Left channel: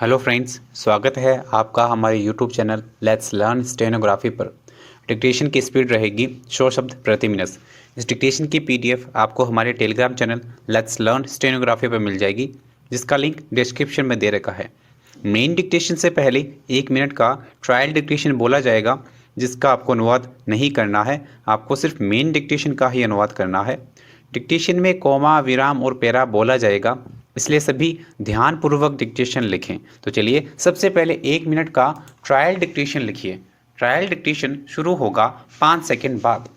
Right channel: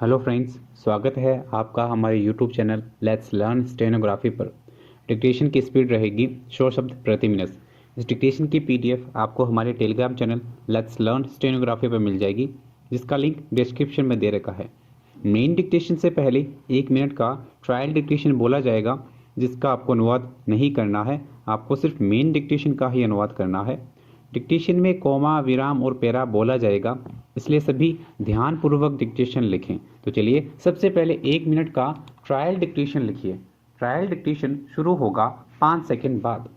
Hello friends, स्वागत है आपका हमारे YouTube channel let's learn stenography पर। डिक्टेशन की स्पीड रहेगी 100 शब्द प्रति मिनट। इस डिक्टेशन की पीडीएफ आपको हमारे Telegram channel let's learn stenography पर मिल जाएगी, जिसका लिंक डिस्क्रिप्शन में दे रखा है। मेन डिक्टेशन से पहले 1 मिनट का ट्रायल डिक्टेशन बोला जाएगा, जिसका आपको अनुवाद नहीं करना है। आपको सिर्फ मेन डिक्टेशन का ही अनुवाद करना है। डिक्टेशन में कोमा, विराम और पैरा बोला जाएगा, इसलिए सभी ध्यानपूर्वक डिक्टेशन लिखें। तो चलिए सबसे पहले 1 मिनट का ट्रायल डिक्टेशन लिखिए। ट्रायल डिक्टेशन शुरू होगा 5 सेकंड बाद।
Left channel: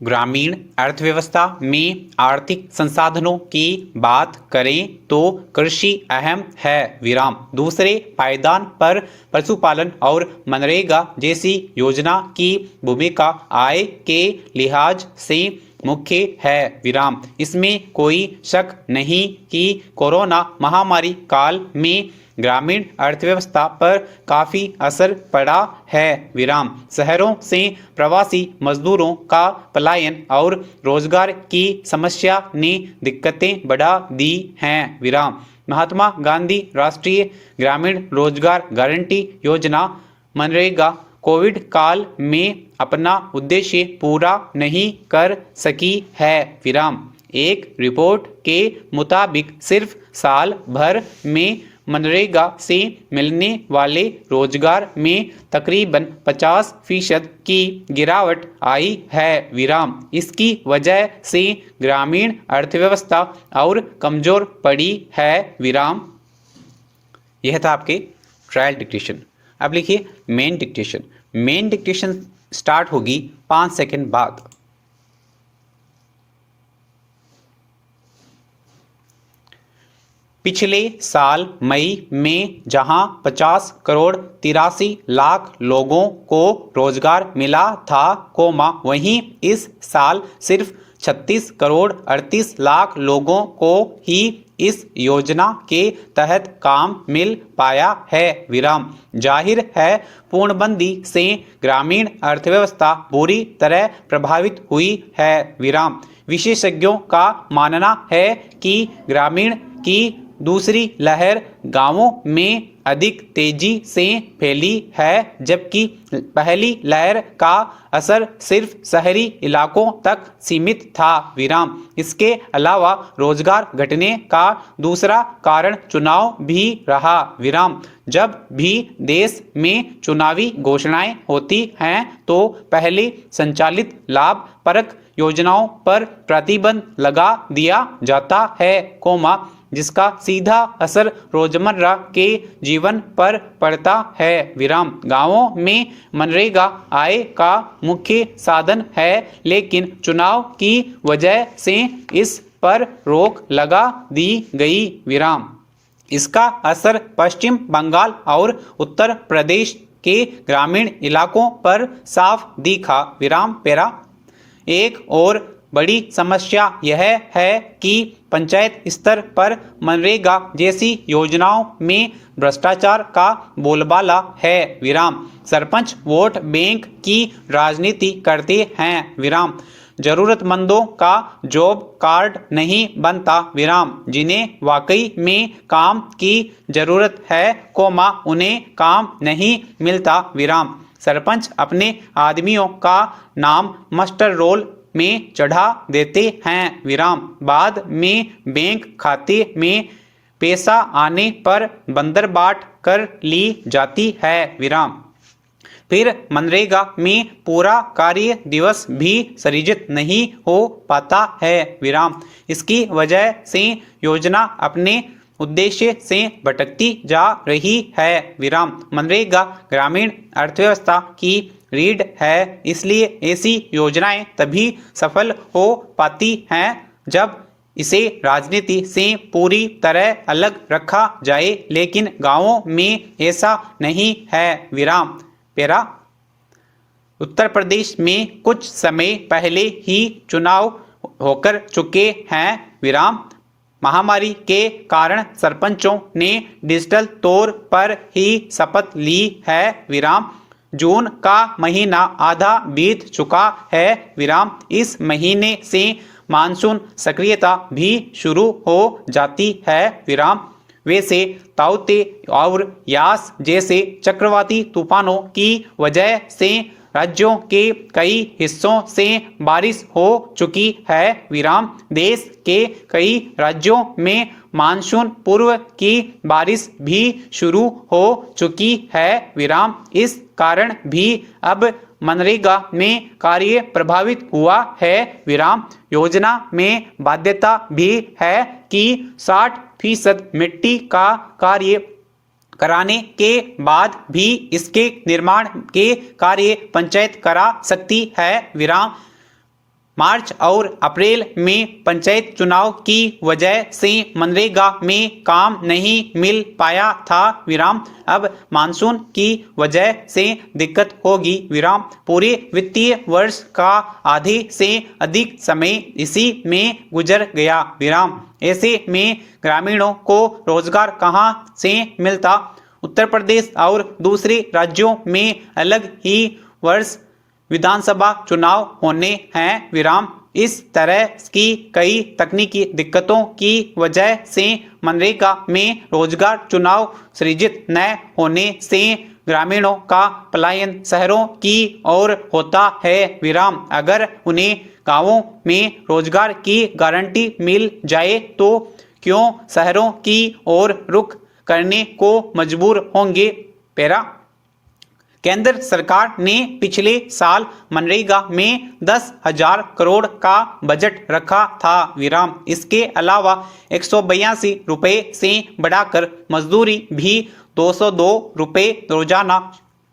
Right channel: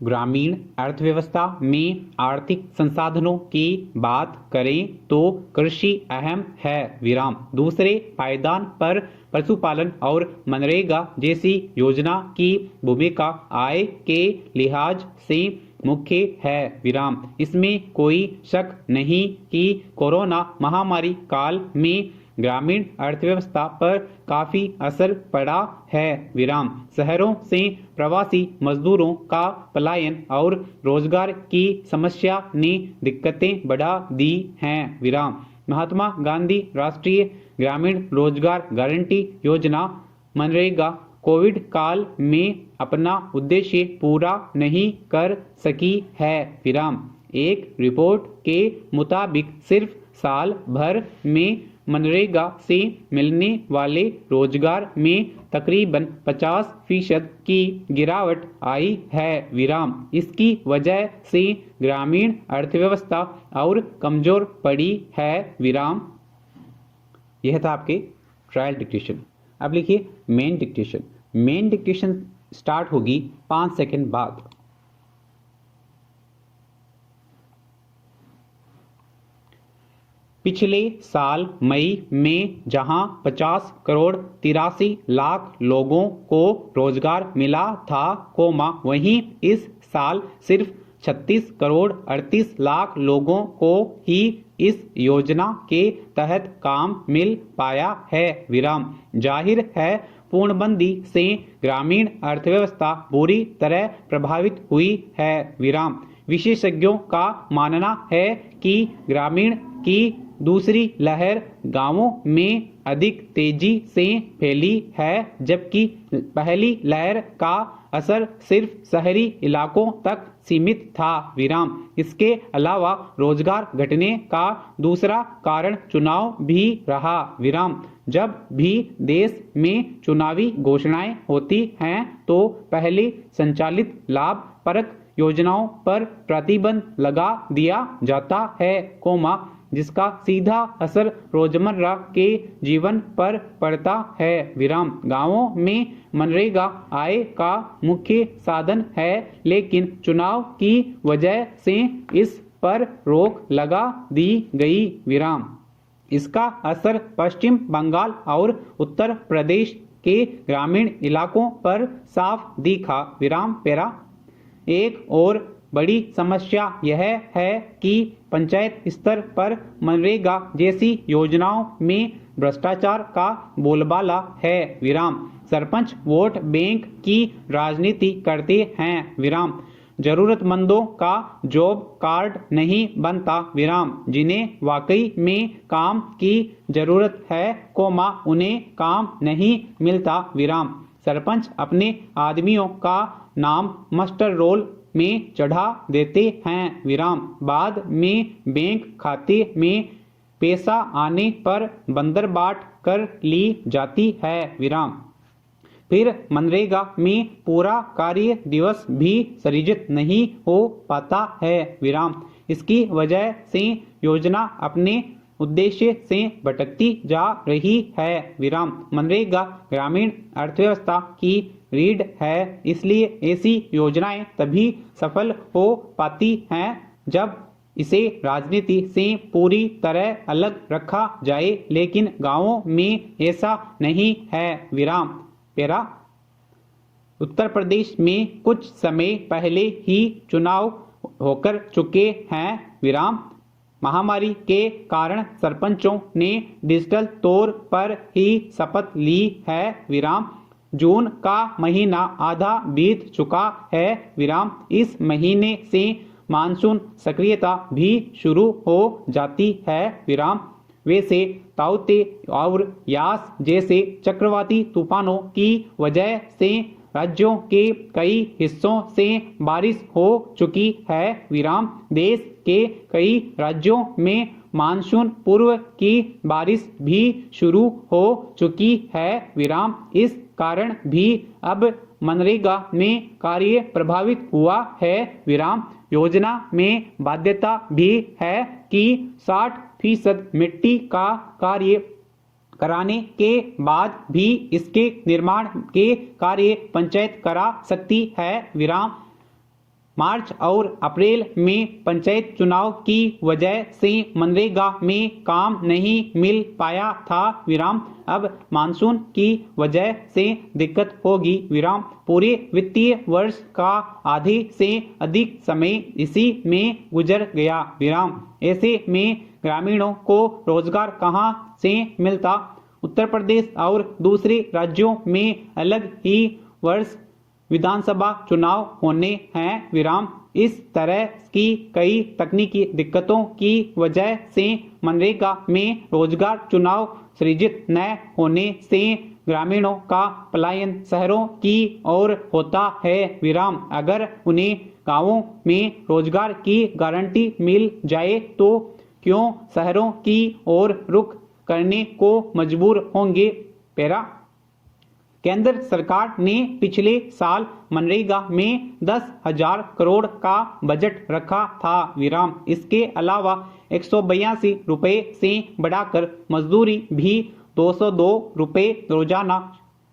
ग्रामीण अर्थव्यवस्था में आर्थिक संसाधनों की बात करें तो कृषि अहम है, विराम। दूसरे पायदान पर पशुपालन और मनरेगा जैसी योजना की भूमिका आय के लिहाज से मुख्य है, विराम। इसमें कोई शक नहीं कि कोरोना महामारी काल में ग्रामीण अर्थव्यवस्था पर काफ़ी असर पड़ा है, विराम। शहरों से प्रवासी मजदूरों का पलायन और रोजगार की समस्या ने दिक्कतें बढ़ा दी हैं, विराम। महात्मा गांधी राष्ट्रीय ग्रामीण रोजगार गारंटी योजना मनरेगा कोविड काल में अपना उद्देश्य पूरा नहीं कर सकी है, विराम। एक रिपोर्ट के मुताबिक सिर्फ साल भर में मनरेगा से मिलने वाले रोजगार में तकरीबन 50% की गिरावट आई है, विराम। इसकी वजह से ग्रामीण अर्थव्यवस्था और कमजोर पड़ी है, विराम। यह था आपके ट्रायल डिक्टेशन। अब लिखिए main dictation. Main dictation start होगी 5 सेकंड बाद। पिछले साल मई में जहां 50 करोड़ 83 लाख लोगों को रोजगार मिला था, वहीं इस साल सिर्फ 36 करोड़ 38 लाख लोगों को ही इस योजना के तहत काम मिल पाया है, विराम। जाहिर है पूर्णबंदी से ग्रामीण अर्थव्यवस्था बुरी तरह प्रभावित हुई है, विराम। विशेषज्ञों का मानना है कि ग्रामीण की दूसरी लहर गांवों में अधिक तेजी से फैली है, जबकि पहली लहर का असर सिर्फ शहरी इलाकों तक सीमित था, विराम। इसके अलावा रोजगार घटने का दूसरा कारण चुनाव भी रहा, विराम। जब भी देश में चुनावी घोषणाएं होती हैं तो पहले संचालित लाभप्रद योजनाओं पर प्रतिबंध लगा दिया जाता है, जिसका सीधा असर रोजमर्रा के जीवन पर पड़ता है, विराम। गांवों में मनरेगा आय का मुख्य साधन है, लेकिन चुनाव की वजह से इस पर रोक लगा दी गई, विराम। इसका असर पश्चिम बंगाल और उत्तर प्रदेश के ग्रामीण इलाकों पर साफ दिखा, विराम। पैरा एक और बड़ी समस्या यह है कि पंचायत स्तर पर मनरेगा जैसी योजनाओं में भ्रष्टाचार का बोलबाला है, विराम। सरपंच वोट बैंक की राजनीति करते हैं, विराम। जरूरतमंदों का जॉब कार्ड नहीं बनता, विराम। जिन्हें वाकई में काम की जरूरत है, उन्हें काम नहीं मिलता, विराम। सरपंच अपने आदमियों का नाम मास्टर रोल में चढ़ा देते हैं, विराम। बाद में बैंक खाते में पैसा आने पर बंदरबाट कर ली जाती है, विराम। फिर मनरेगा में पूरा कार्य दिवस भी सृजित नहीं हो पाता है, विराम। इसकी वजह से योजना अपने उद्देश्य से भटकती जा रही है, विराम। मनरेगा ग्रामीण अर्थव्यवस्था की रीढ़ है, इसलिए ऐसी योजनाएं तभी सफल हो पाती हैं जब इसे राजनीति से पूरी तरह अलग रखा जाए, लेकिन गांवों में ऐसा नहीं है, विराम। पैरा उत्तर प्रदेश में कुछ समय पहले ही चुनाव होकर चुके हैं, विराम। महामारी के कारण सरपंचों ने डिजिटल तौर पर ही शपथ ली है, विराम। जून का महीना आधा बीत चुका है, विराम। इस महीने से मानसून सक्रियता भी शुरू हो जाती है विराम। वैसे ताउते और यास जैसे चक्रवाती तूफानों की वजह से राज्यों के कई हिस्सों से बारिश हो चुकी है विराम। देश के कई राज्यों में मानसून पूर्व की बारिश भी शुरू हो चुकी है विराम। इस कारण भी अब मनरेगा में कार्य प्रभावित हुआ है विराम। योजना में बाध्यता भी है कि 60% मिट्टी का कार्य कराने के बाद भी इसके निर्माण के कार्य पंचायत करा सकती है विराम। मार्च और अप्रैल में पंचायत चुनाव की वजह से मनरेगा में काम नहीं मिल पाया था विराम। अब मानसून की वजह से दिक्कत होगी विराम। पूरे वित्तीय वर्ष का आधे से अधिक समय इसी में गुजर गया विराम। ऐसे में ग्रामीणों को रोजगार कहां से मिलता। उत्तर प्रदेश और दूसरे राज्यों में अलग ही वर्ष विधानसभा चुनाव होने हैं विराम। इस तरह की कई तकनीकी दिक्कतों की वजह से मनरेगा में रोजगार चुनाव सृजित न होने से ग्रामीणों का पलायन शहरों की ओर होता है विराम। अगर उन्हें गांवों में रोजगार की गारंटी मिल जाए तो क्यों शहरों की ओर रुख करने को मजबूर होंगे। पैरा केंद्र सरकार ने पिछले साल मनरेगा में 10,000 करोड़ का बजट रखा था विराम। इसके अलावा 182 रुपए से बढ़ाकर मजदूरी भी 202 रुपए रोजाना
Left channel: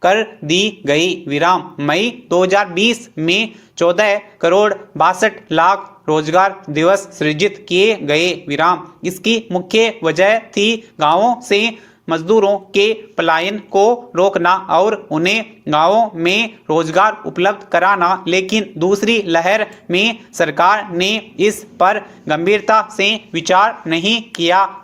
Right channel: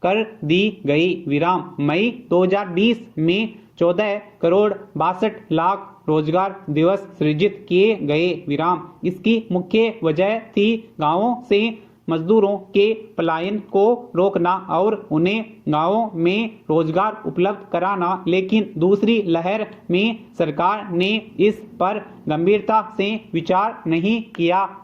कर दी गई विराम। मई 2020 में 14 करोड़ 62 लाख रोजगार दिवस सृजित किए गए विराम। इसकी मुख्य वजह थी गांवों से मजदूरों के पलायन को रोकना और उन्हें गांवों में रोजगार उपलब्ध कराना। लेकिन दूसरी लहर में सरकार ने इस पर गंभीरता से विचार नहीं किया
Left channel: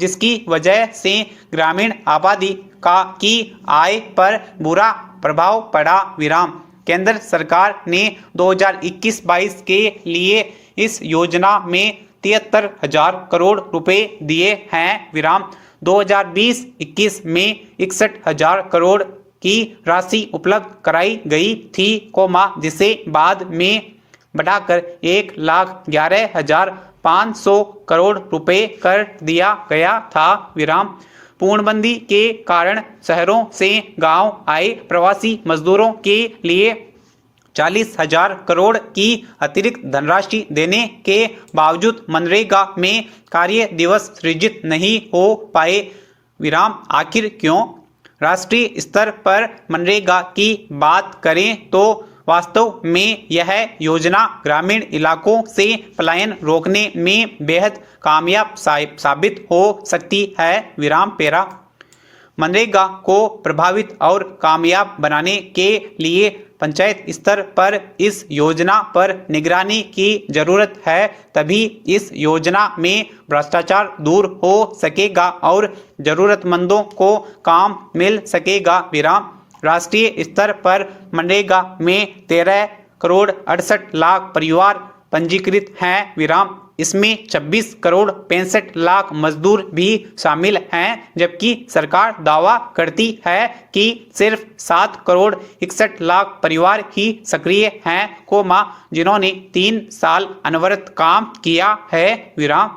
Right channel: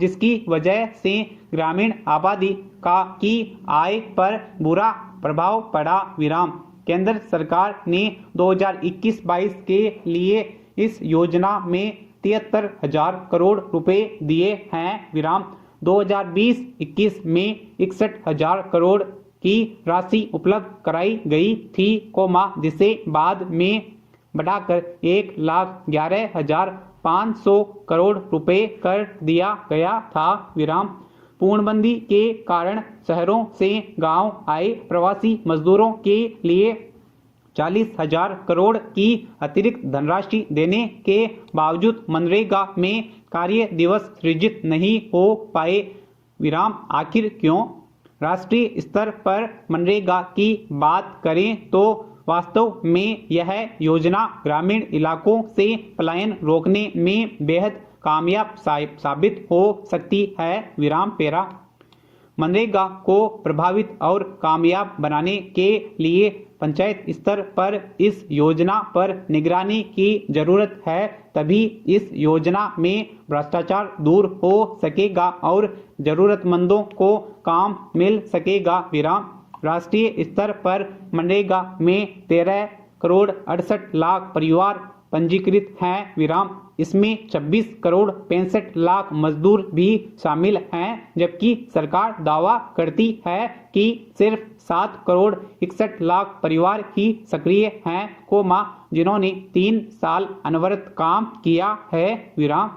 जिसकी वजह से ग्रामीण आबादी की आय पर बुरा प्रभाव पड़ा विराम। केंद्र सरकार ने 2021-22 के लिए इस योजना में 73,000 करोड़ रुपए दिए हैं विराम। 2020-21 में 61,000 करोड़ की राशि उपलब्ध कराई गई थी जिसे बाद में बढ़ाकर 1,11,500 करोड़ रुपए कर दिया गया था विराम। पूर्णबंदी के कारण शहरों से गांव आए प्रवासी मजदूरों के लिए 40,000 करोड़ की अतिरिक्त धनराशि देने के बावजूद मनरेगा में कार्य दिवस सृजित नहीं हो पाए विराम। आखिर क्यों। राष्ट्रीय स्तर पर मनरेगा की बात करें तो वास्तव में यह योजना ग्रामीण इलाकों से पलायन रोकने में बेहद कामयाब साबित हो सकती है विराम। पैरा मनरेगा को प्रभावित और कामयाब बनाने के लिए पंचायत स्तर पर इस योजना पर निगरानी की जरूरत है। तभी इस योजना में भ्रष्टाचार दूर हो सकेगा और जरूरतमंदों को काम मिल सकेगा विराम। राष्ट्रीय स्तर पर मनरेगा में 13 करोड़ 68 लाख परिवार पंजीकृत हैं विराम। इसमें 26 करोड़ 65 लाख मजदूर भी शामिल हैं, जबकि सरकार दावा करती है कि सिर्फ 7 करोड़ 61 लाख परिवार ही सक्रिय हैं जिन्होंने 3 साल अनवरत काम किया है विराम।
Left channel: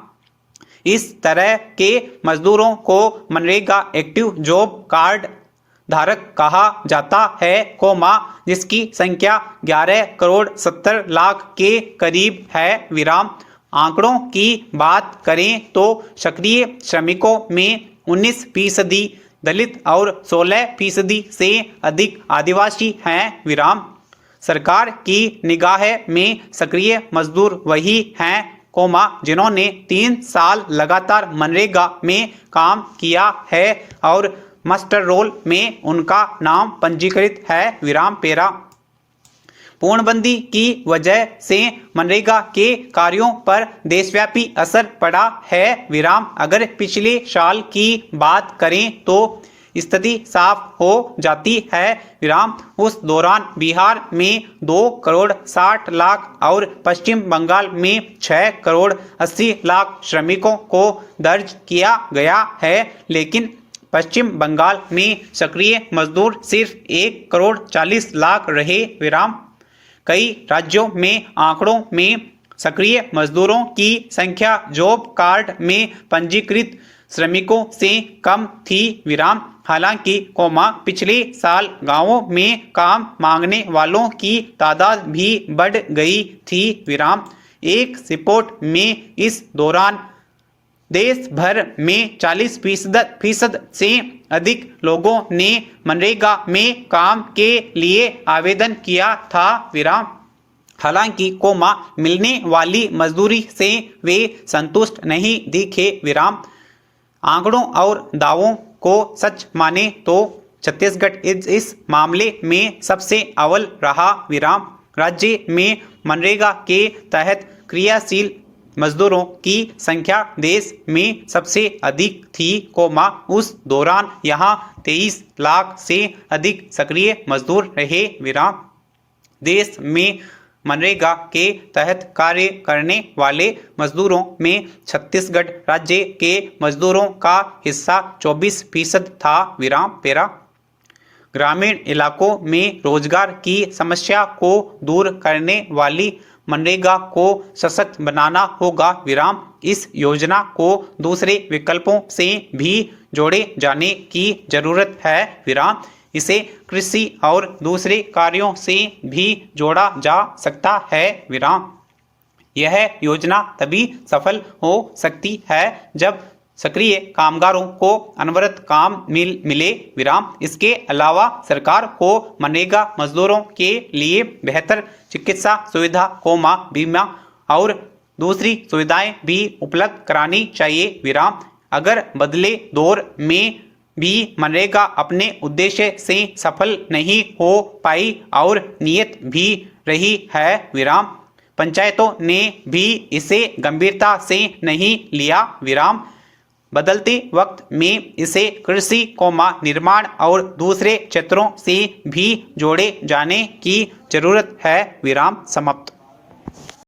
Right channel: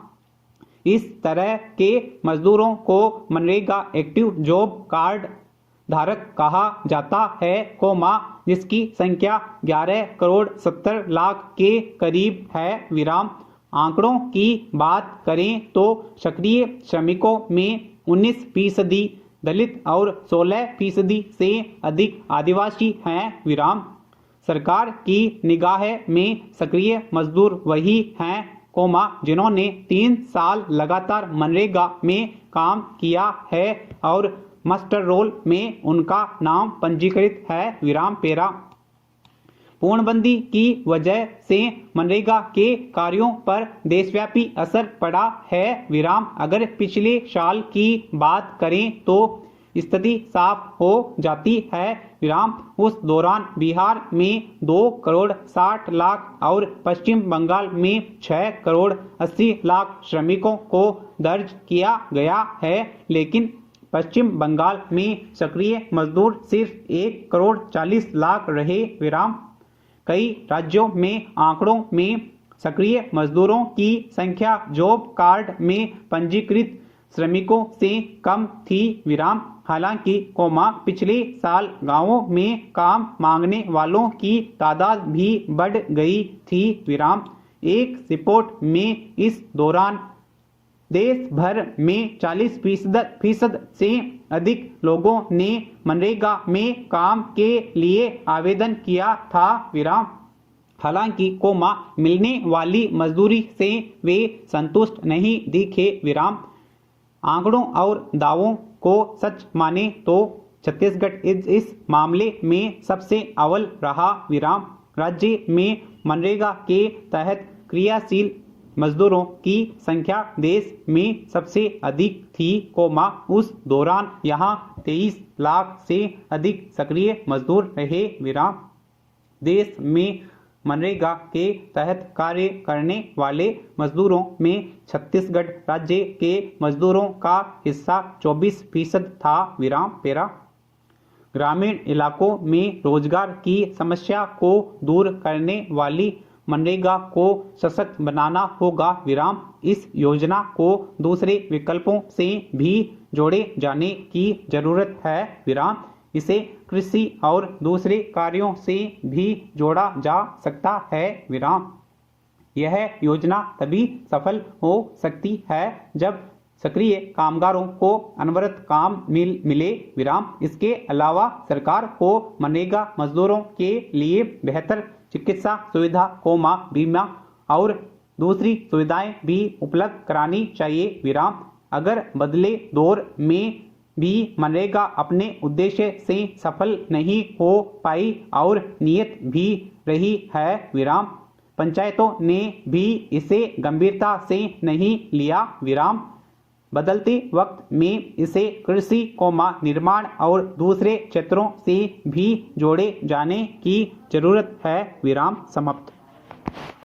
इस तरह के मजदूरों को मनरेगा एक्टिव जॉब कार्ड धारक कहा जाता है जिसकी संख्या 11 करोड़ 70 लाख के करीब है विराम। आंकड़ों की बात करें तो सक्रिय श्रमिकों में 19% दलित और 16% से अधिक आदिवासी हैं विराम। सरकार की निगाह में सक्रिय मजदूर वही हैं जिन्होंने 3 साल लगातार मनरेगा में काम किया है और मास्टर रोल में उनका नाम पंजीकृत है विराम। पैरा पूर्णबंदी की वजह से मनरेगा के कार्यों पर देशव्यापी असर पड़ा है विराम। अगर पिछले साल की बात करें तो स्थिति साफ हो जाती है विराम। उस दौरान बिहार में 2,60,00,000 और पश्चिम बंगाल में 6,80,00,000 श्रमिकों को दर्ज किया गया है, लेकिन पश्चिम बंगाल में सक्रिय मजदूर सिर्फ 1,40,00,000 रहे विराम। कई राज्यों में आंकड़ों में सक्रिय मजदूरों की संख्या जॉब कार्ड में पंजीकृत श्रमिकों से कम थी विराम। हालांकि पिछले साल गांवों में काम मांगने वालों की तादाद भी बढ़ गई थी विराम। एक रिपोर्ट में इस दौरान देश भर में 40% से अधिक लोगों ने मनरेगा में काम के लिए आवेदन किया था विराम। हालांकि मिलने वाली मजदूरी से वे संतुष्ट नहीं दिखे विराम। आंकड़ों और दावों को सच माने तो छत्तीसगढ़ इस मामले में सबसे अव्वल रहा विराम। राज्य में मनरेगा के तहत क्रियाशील मजदूरों की संख्या देश में सबसे अधिक थी उस दौरान यहां 23 लाख से अधिक सक्रिय मजदूर रहे विराम। देश में मनरेगा के तहत कार्य करने वाले मजदूरों में छत्तीसगढ़ राज्य के मजदूरों का हिस्सा 24% था विराम। पेरा ग्रामीण इलाकों में रोजगार की समस्या को दूर करने वाली मनरेगा को सशक्त बनाना होगा विराम। इस योजना को दूसरे विकल्पों से भी जोड़े जाने की जरूरत है विराम। इसे कृषि और दूसरे कार्यों से भी जोड़ा जा सकता है विराम। यह योजना तभी सफल हो सकती है जब सक्रिय कामगारों को अनवरत काम मिले विराम। इसके अलावा सरकार को मनरेगा मजदूरों के लिए बेहतर चिकित्सा सुविधा बीमा और दूसरी सुविधाएं भी उपलब्ध करानी चाहिए विराम। अगर बदले दौर में भी मनरेगा अपने उद्देश्य से सफल नहीं हो पाई और नियत भी रही है विराम, पंचायतों ने भी इसे गंभीरता से नहीं लिया विराम। बदलते वक्त में इसे कृषि निर्माण और दूसरे क्षेत्रों से भी जोड़े जाने की जरूरत है विराम। समाप्त।